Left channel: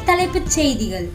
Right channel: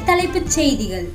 தலைப்புச் செய்திகள்.